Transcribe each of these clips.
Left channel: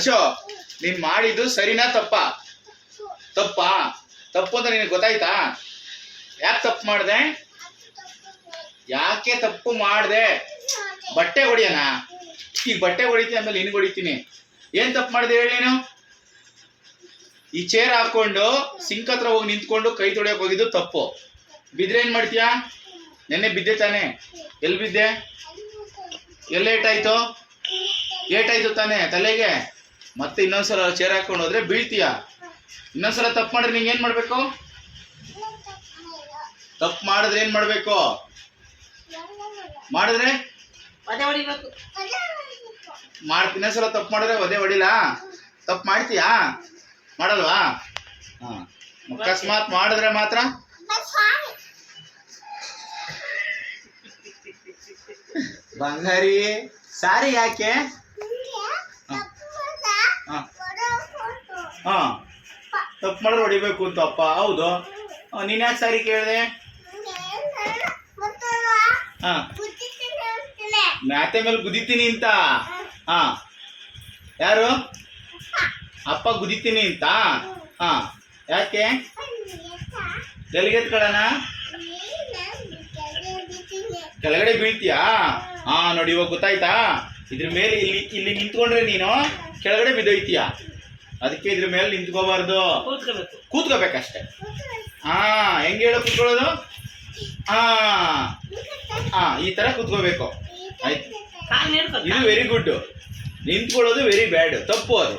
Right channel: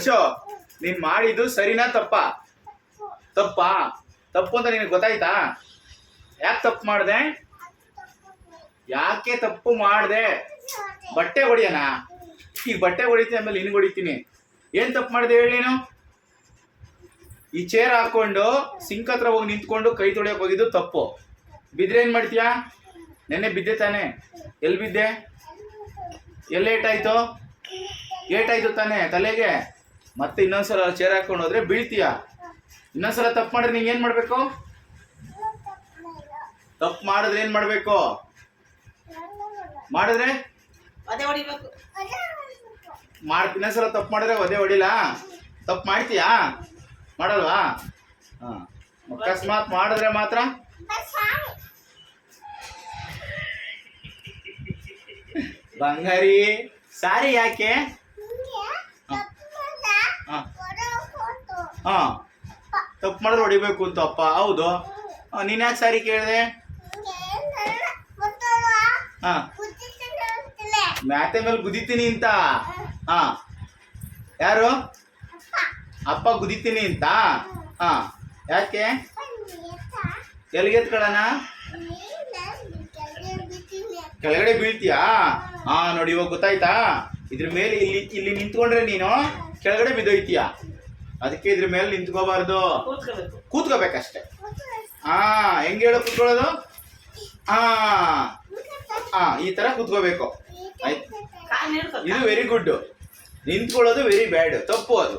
ಹರ್ಷೋ, ನೀನ್ ಮಾಡಿದ್ದು ಸರಿನಾ ತಪ್ಪಾ? ತಪ್ಪಾ? ತಪ್ಪು ಅಂತ ನಿನಗೆ ಗೊತ್ತಾಯ್ತಾ? ಯಾಕೆ ತಪ್ಪು ಮಾಡಿದೆ? ಯಾಕೆ ತಪ್ಪು ಮಾಡಿದೆ? ಬಟ್ಟೆ ಹೊಡಿಯೋಣ? ಈಗ ಬಟ್ಟೆ ಹೊಡಿತೀನಿ ಆಮೇಲೆ ನಿನ್ಗೆ ಹೊಡಿತೀನಿ. ಏನ್ ತಪ್ಪು ಮಾಡಿದೆ ಹೇಳಿ ನೀನು? ಈ ಚೇರ್ ಹಾಕೊಂಡು ಸಿಂಕ್ ಹತ್ರ ಹೋಗಿ ನಿಂತ್ಕೊಂಡು ಕೈ ತೊಳೆಯಕ್ಕೆ ಹೋಗಿದ್ದು ತಪ್ಪು. ಬಿದ್ರೆ ಏನ್ ಮಾಡ್ತೀಯಾ? ನೆನ್ನೆ ಬಿದ್ದೆ ತಾನೆ? ಎಲ್ಲಿ ಬಿದ್ದೆ? ಎಲ್ಲಿ ಏಟಾಯ್ತು? ಏಟಾಯ್ತು ತಾನೆ ತಲೆಗೆ? ಮತ್ತೆ ಇನ್ನೊಂದ್ಸಲ ಚೇರ್ ಹಾಕೊಂಡು ಹೋದ್ರೆ ಬೀಳ್ತೀಯ. ಇನ್ನೊಂದ್ಸಲ ತಪ್ಪು ಮಾಡಿದ್ರೆ ನಿಂಗೆ ಏನ್ ಮಾಡ್ಬೇಕು? ತಪ್ಪು ಮಾಡಿದ್ರೆ ಏನ್ ಮಾಡ್ಬೇಕು? ಮಾಡಿದ್ರೆ ಇನ್ನೊಂದ್ಸಲ ತಪ್ಪು ಮಾಡಿದ್ರೆ ಒದೆ ಹೊಡಿಲ್ಲ? ತಪ್ಪು ಮಾಡ್ತೀಯಾ? ಮಾಡಲ್ವಾ? ಅಕಸ್ಮಾತ್ ಮಾಡಿದ್ರೆ ಮಾತ್ರ ಬಂಗಾರಿ ಸಾರಿ ಯಾಕೆ? ತಪ್ಪು ಮಾಡಿದ್ರೆ ಹೊಡಿಬೇಕು ಅಂತ ಅಪ್ಪ. ಹೌದು, ನೀನ್ ಯಾಕೆ ಸಾರಿ ಕೇಳಿದೆ? ಮ್ಯಾತೆ ಮೇಲೆ ಗುದಿತೀನಿ ಅಂತ. ಯಾರು? ಅಪ್ಪ ಗುದಿತೀನಿ ಅಂತ. ಯಾಕೆ? ಎಲ್ಲಿಗೆ ಎತ್ಕೊಳ್ಳೋಣ? ಕೆಳಗಡೆ ಬೀಳ್ತೀಯಾ? ನೋಡಿ ಇವಾಗ ಗೊತ್ತಾಯ್ತಾ? ಇದ್ರ ಮೇಲೆ ಇಲ್ಲಿ ನಿಂತ್ಕೊಂಡ್ರೆ ನೀನು ಕೆಳಗಡೆ ಬಿದ್ದೋಯ್ತೀಯ. ಅದಕ್ಕೆ ಇದ್ರ ಮೇಲೆ ನಿಂತ್ಕೋಬಾರ್ದು, ಕೂತ್ಕೋಬೇಕಷ್ಟೆ. ಹೆಂಗೆ ಹೇಳೋ ಕೂತ್ಕೊಳ್ಳೋದು? ಈ ತರ ಕೂತ್ಕೋಬೇಕು. ಆಯ್ತು, ಇದು ವೆರಿ ಗುಡ್. ನಿಂತ್ಕೊಳ್ಳೋದು ವೆರಿ ಬ್ಯಾಡ್, ತಪ್ಪು ಅದು.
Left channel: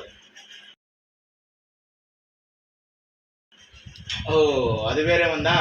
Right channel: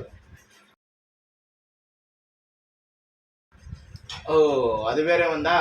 ಅದು ಬೇರೆ ಒಂದಾ?